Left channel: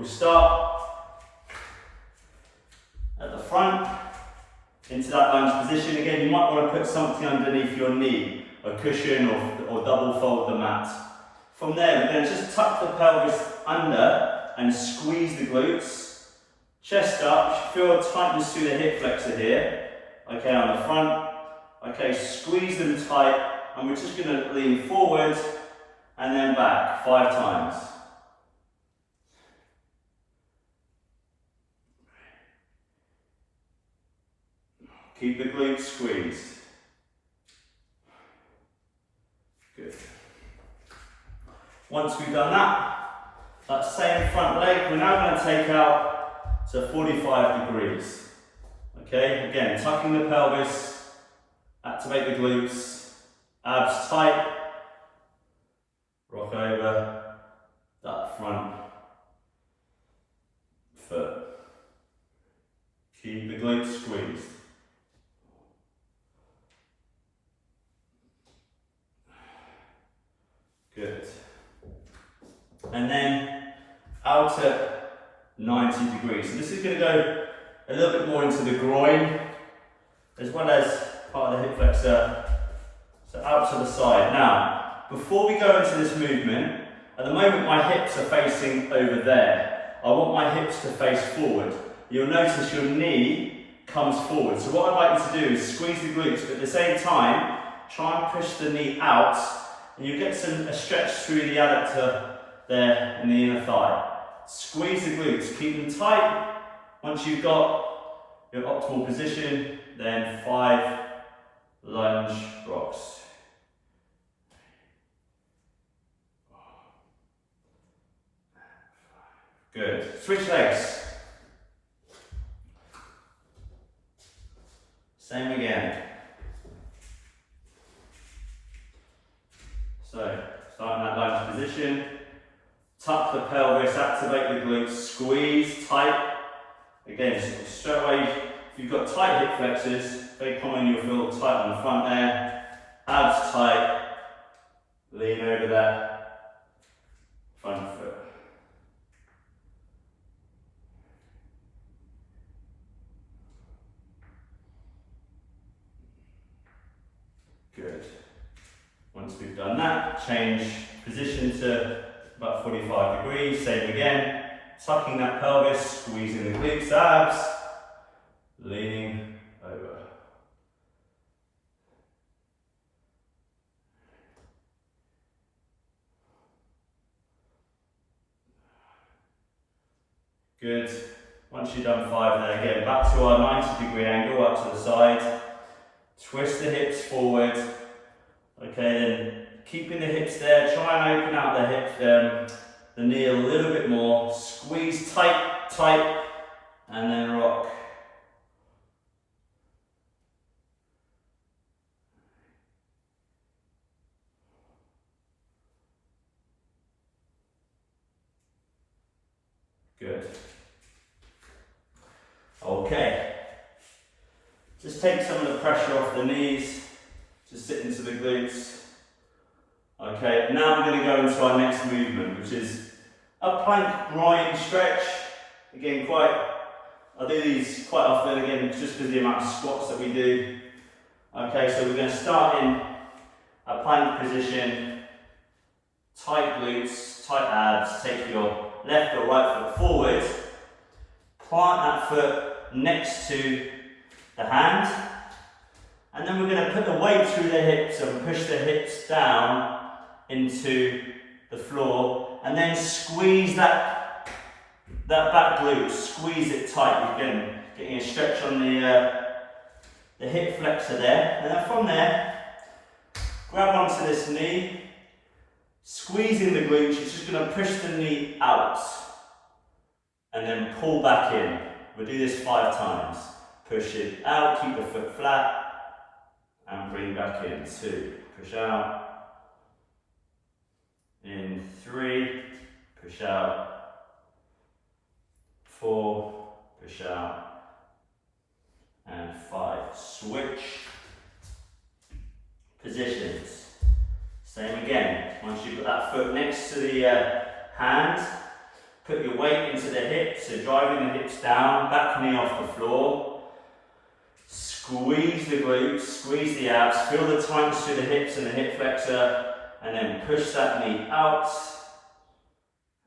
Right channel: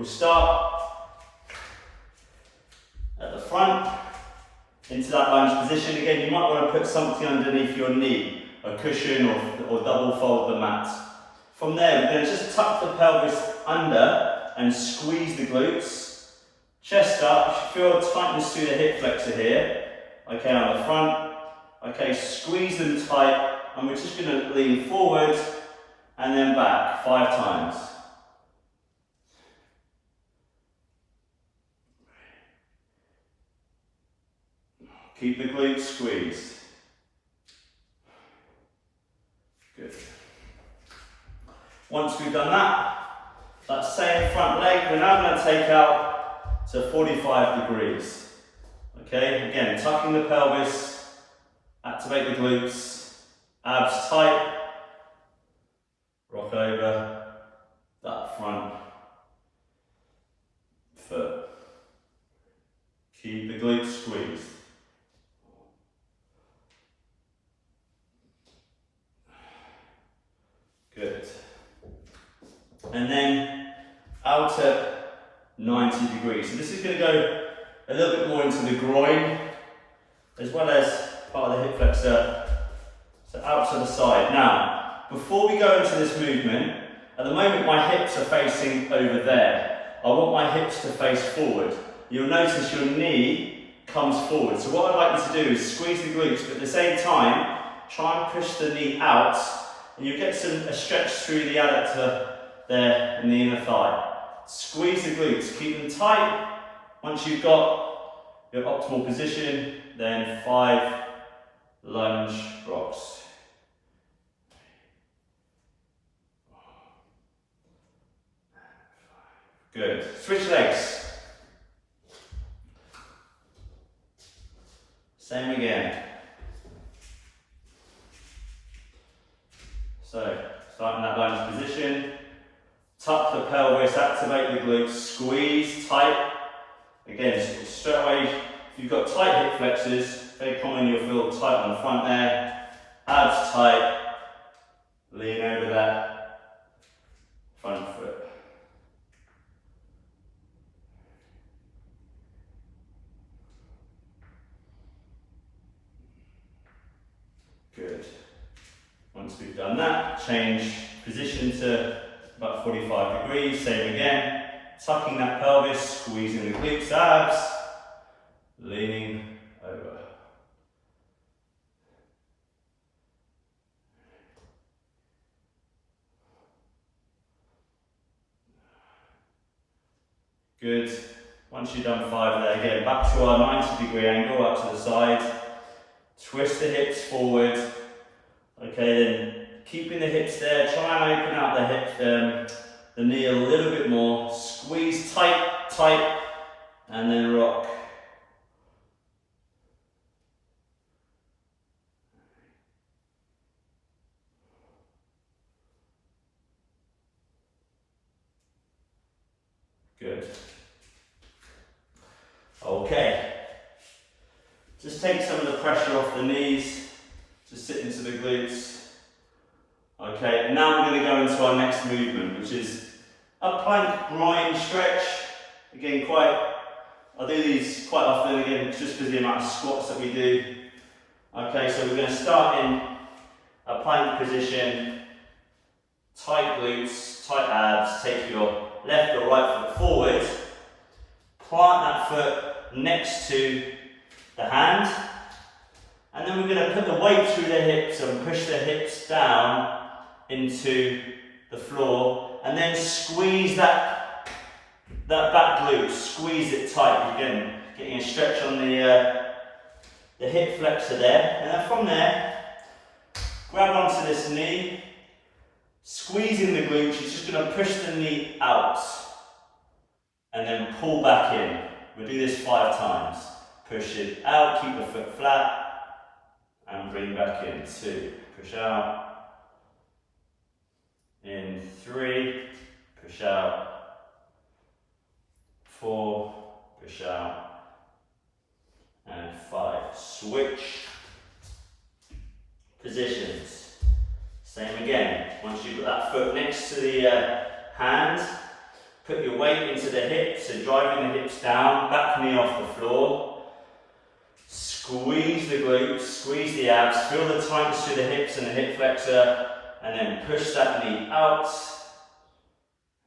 We'll start at the front, into that lunge position. Again, you might want to put something underneath your knee, a cushion or double fold the mat. From there, we're going to just tuck the pelvis under and squeeze the glutes. Chest up, you should feel a tightness through the hip flexor here. Okay, on the front. Okay, squeeze them tight, and we're just going to lean forward and then back 5 times. Keep the glutes squeezed. Good. Once we've done that same front leg, we're now going to take out to 45 degrees. Okay, again, tucking the pelvis, activate the glutes, abs tight, rock over that front foot. Keep the glutes squeezed. Good. And then out at 90 degrees. So this is going to go a little bit more into the groin, as well as part of the hip flexor. So out to the side. Now, before we go into this movement, at the moment my hips are facing over there. I want my hips to face forward. You'll notice your knee comes forward. So what I'd like you to do is squeeze the glutes, but at the same time, try and push the knee out, and you get a stretch through the adductor there in the inner thigh. Squeeze the glutes, keep them tight. Once you've got your optimal position, then 5 lunge rocks. Good. Switch legs. Same again. So, starting that lunge position. Tuck the pelvis, activate the glutes, squeeze tight. Again, straight away, if you've got tight hip flexors, very common you'll feel tight on the front there. Abs tight, lean over that front foot. Good. Once we've done that, change position to about 45 degrees, same again. Tucking that pelvis, squeezing the glutes, abs, leaning over. Good. Once you've done 5 there, again, back to our 90-degree angle, up to the side. Twist the hips forward. Okay, then keeping the hips there, try and open out the hips, the knee a little bit more. Squeeze tight, tight, and then rock. Good. Okay. Just take some of the pressure off the knees. Just sit into the glutes. Okay, now we're going to go into our next movement, which is a plank groin stretch. Again, I do these quite often, again, just because of the amount of squats that we do. Okay, so we're going to start in a plank position, tight glutes, tight abs, take your left or right foot forward, plant that foot next to the hand, and then we're going to put the weight through the hips and push the hips down into the floor, and then squeeze that back glute, squeeze it tight. Again, getting a stretch on the hip flexor there, and then from there, grab onto this knee, squeezing the glutes. You're just going to push the knee out, and then pull back in. We'll do this 5 times. Push it out, keep the foot flat, and bring back in. 2, push out. In 3, push out. 4, push out. And 5. Switch positions. Same again. Once you put that foot next to the hand, Put your weight into the hips, so driving the hips down, back knee off the floor. Squeeze the glutes, squeeze the abs, feel the tightness through the hips and the hip flexor, and then push that knee out,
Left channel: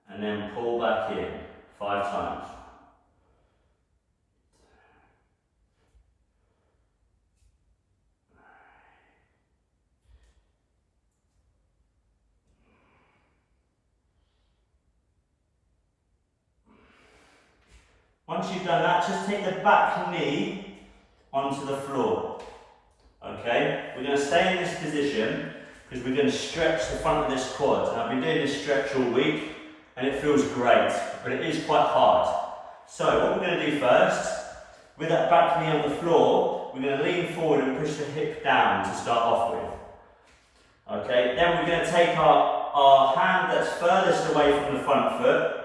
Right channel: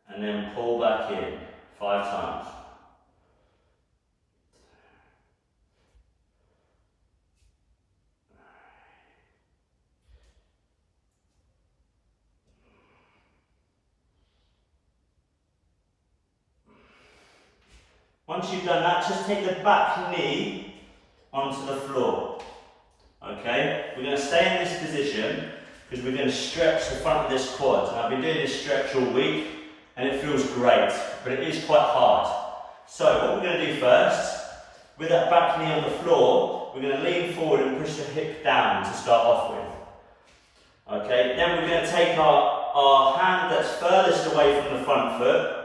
and then pull back in 5 times. Once you've done that, just take the back knee onto the floor. Okay? We're going to stay in this position because we're going to stretch the front of this quad. And I've been doing this stretch all week and it feels great, but it is quite hard. So what we're going to do first, with that back knee on the floor, we're going to lean forward and push the hip down to start off with. Okay? Then we're going to take our hand that's furthest away from the front foot,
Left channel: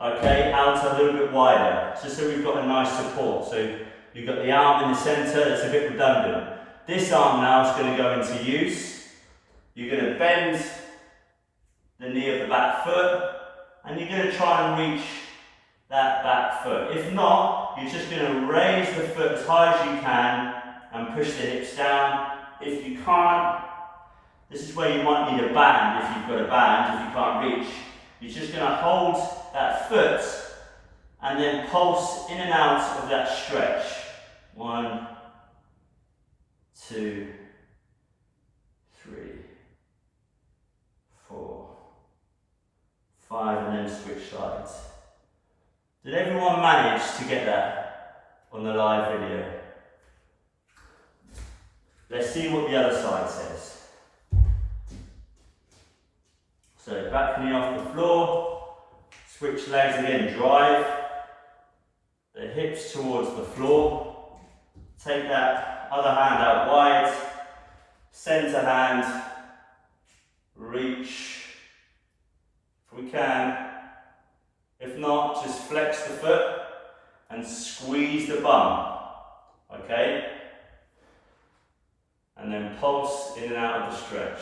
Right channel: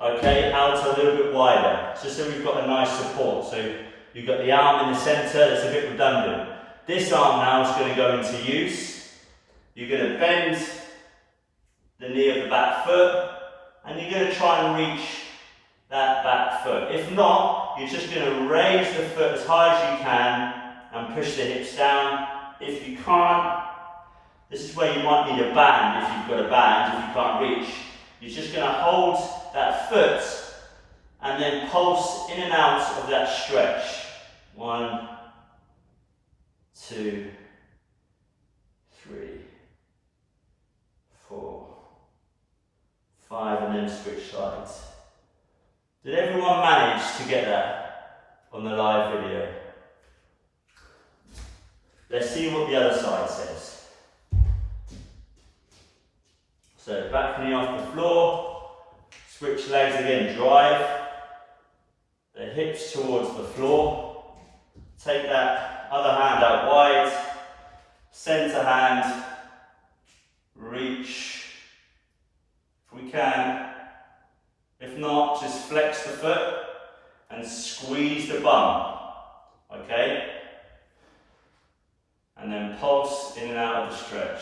okay, out a little bit wider, just so we've got a nice support. So you've got the arm in the centre, that's a bit redundant. This arm now is going to go into use. You're going to bend the knee of the back foot, and you're going to try and reach that back foot. If not, you're just going to raise the foot as high as you can and push the hips down. If you can't, this is where you might need a band if you've got a band, if you can't reach. You're just going to hold that foot and then pulse in and out of that stretch. 1, 2, 3, 4, 5, and then switch sides. Did everyone manage to get that on the live video? Let's see what the other side says. So back knee off the floor, switch legs again, drive the hips towards the floor, take that other hand out wide, centre hand, reach if we can. If not, just flex the foot and squeeze the bum, okay? And then pulse in and out of the stretch.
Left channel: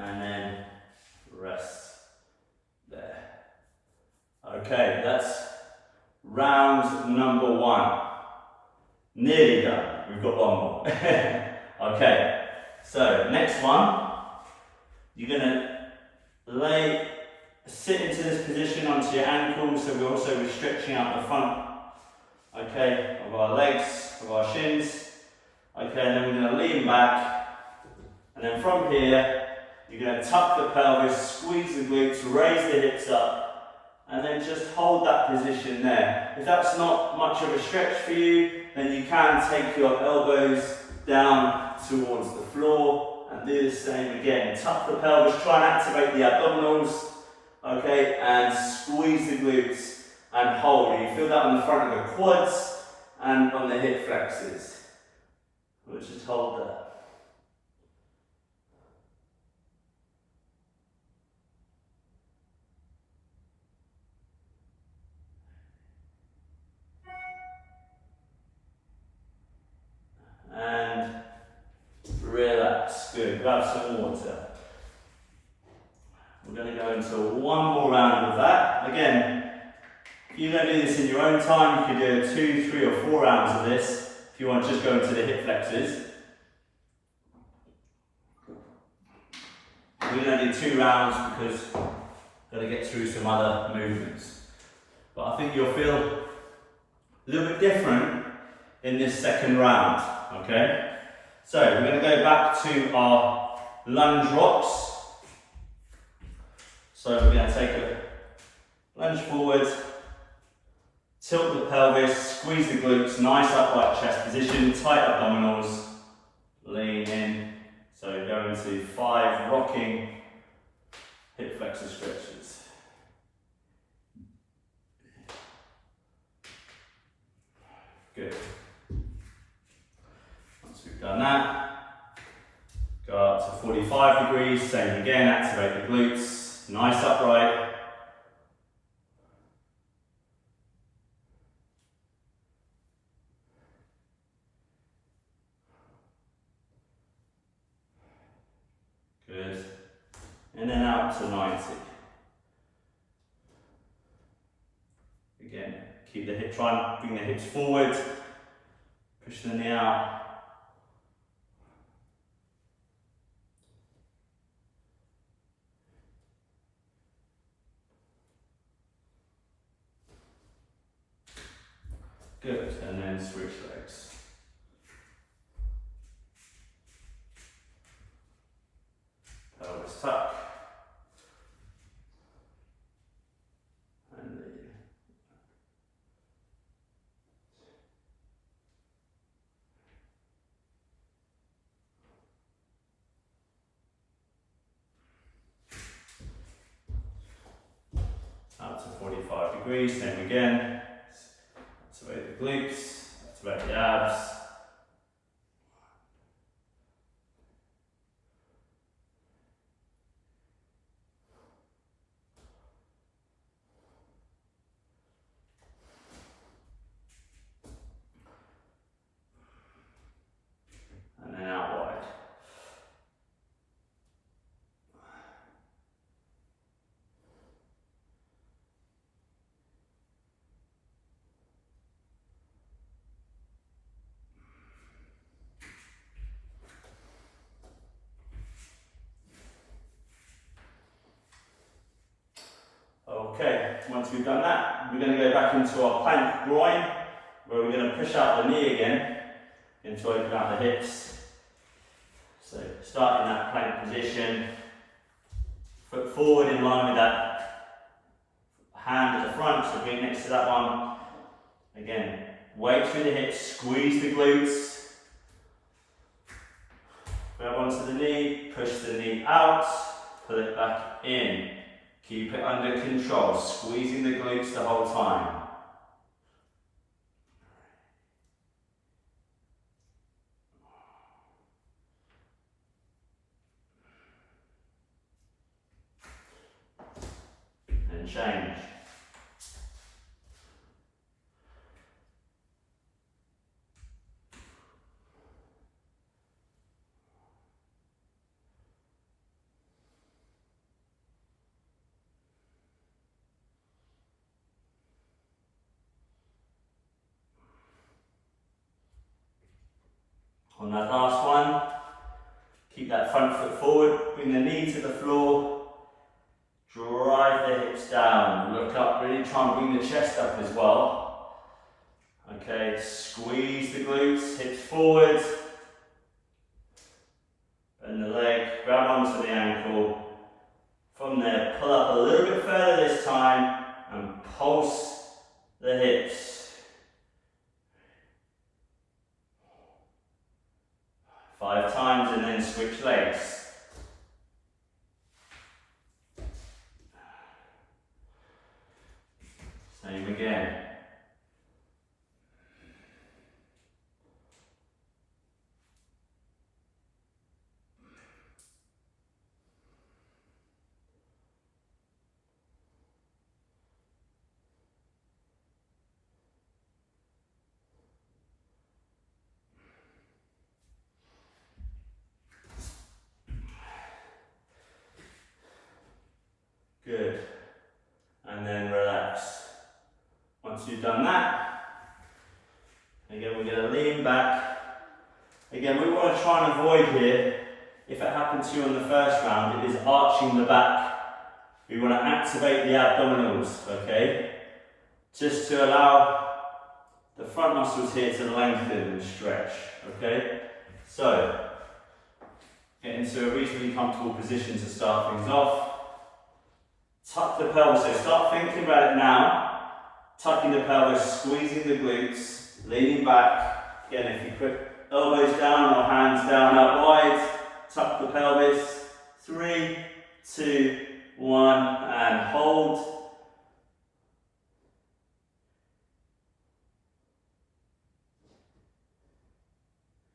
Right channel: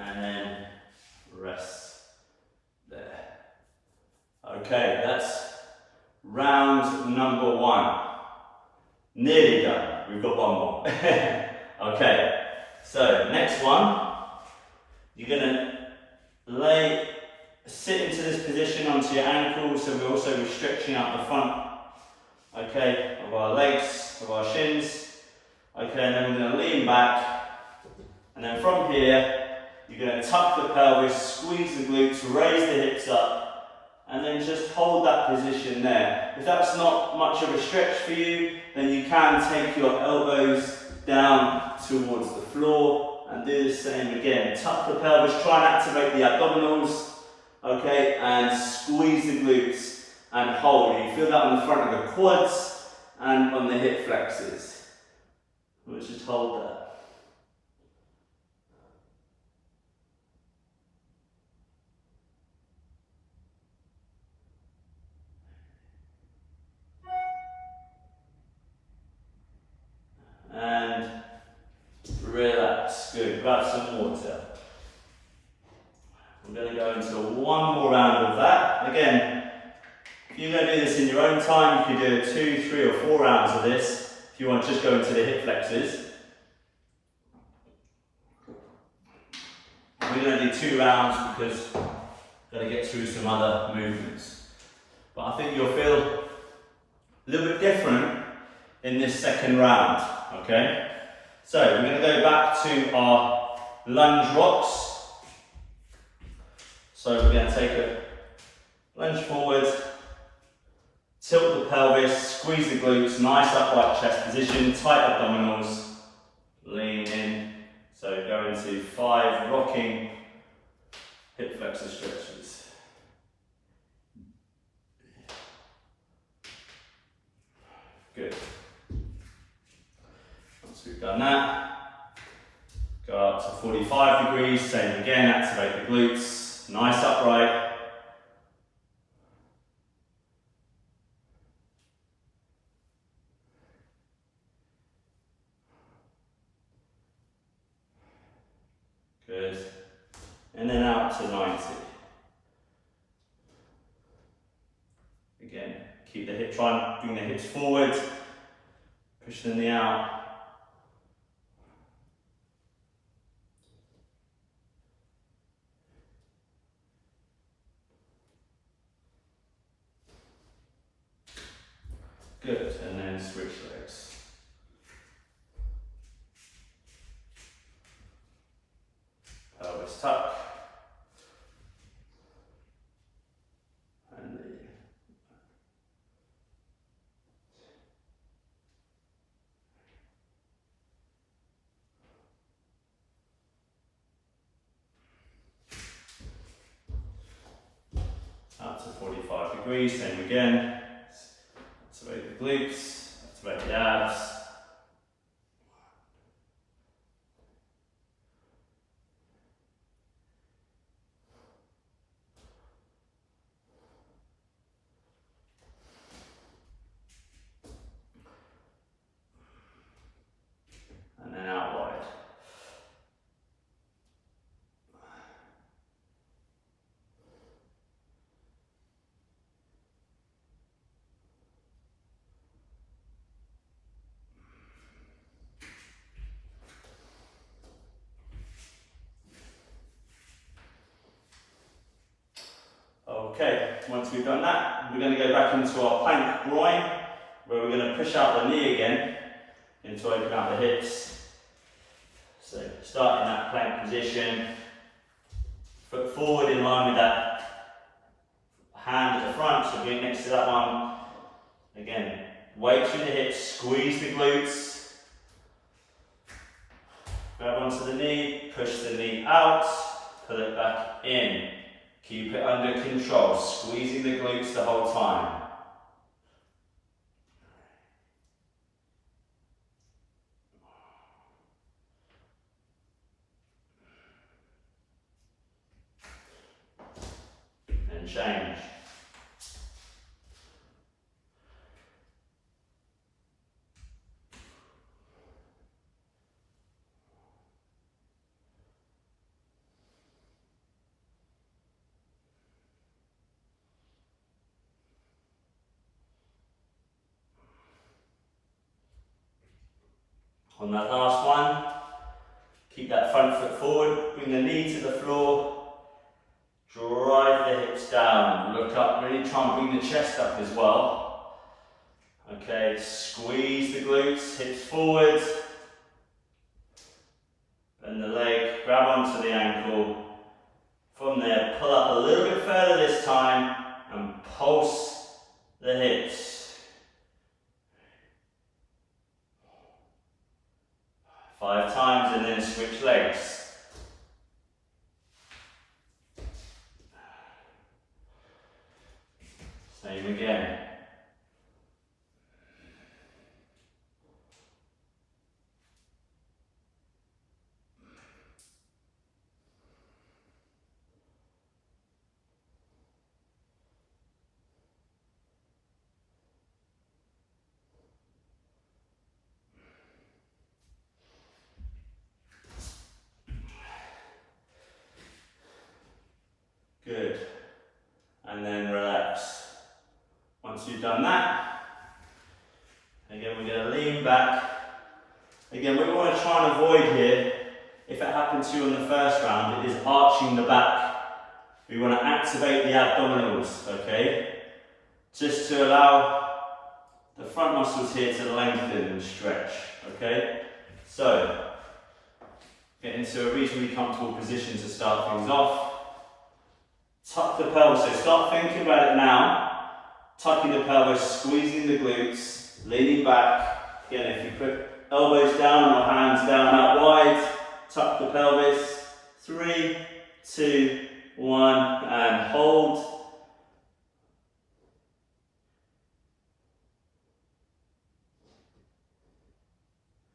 And then rest there. Okay, that's round number 1. Nearly done. We've got one more. Okay, so next one, you're going to sit into this position onto your ankles, so we're also stretching out the front, okay, of our legs, of our shins. Okay, and then we're going to lean back, and then from here, you're going to tuck the pelvis, squeeze the glutes, raise the hips up, and then just hold that position there. If that's not much of a stretch for you, then you can take your elbows down towards the floor and do the same again. Tuck the pelvis, try and activate the abdominals, okay, and squeeze the glutes and hold. You feel that on the front of the quads and on the hip flexors. Let's just hold that. And relax. Good. Grab some water. We're going to go into one more round of that. Again, if you're going to do this in your own time, you can do 2, 3 or 4 rounds of this. If you want to just go into the hip flexors. We're going to do 2 rounds because we're going to get through some other movements. But I think you'll feel a little bit different in this second round. Okay, so we're going to go back to our lunge rocks. So we're going to take a lunge forward, tilt the pelvis, squeeze the glutes, nice upright chest position, tight abdominals, lean in. So go into 5 rocking hip flexor stretches. Good. We've done that. Go up to 45 degrees, same again, activate the glutes, nice upright. up to 90. Again, keep the hip, try and bring the hips forward, push the knee out. Good, and then switch legs. Pelvis tuck. And knee. Up to 45 degrees, same again. Activate the glutes, activate the abs. And then out wide. Okay, once we've done that, we're going to go back into our plank groin, where we're going to push out the knee again, into open out the hips. So start in that plank position, foot forward in line with that hand at the front, so being next to that one. Again, weight through the hips, squeeze the glutes, grab onto the knee, push the knee out, pull it back in. Keep it under control, squeezing the glutes the whole time. And change. On that last one, keep that front foot forward, bring the knee to the floor, drive the hips down, look up, really try and bring the chest up as well. Okay, squeeze the glutes, hips forward, bend the leg, grab onto the ankle. From there, pull up a little bit further this time and pulse the hips. Five times and then switch legs. Same again. Good. And then relax. Once you've done that, again we're going to lean back. Again, we want to try and avoid here, if it happened to you on the first round, it is arching the back. We want to activate the abdominals, okay? Just to allow the front muscles here to lengthen and stretch, okay? So, get into a reasonably comfortable position to start things off. Tuck the pelvis, so start thinking about it now. Tucking the pelvis, squeezing the glutes, leaning back. Again, if you put elbows down or hands down out wide, tuck the pelvis. 3, 2, 1, and hold.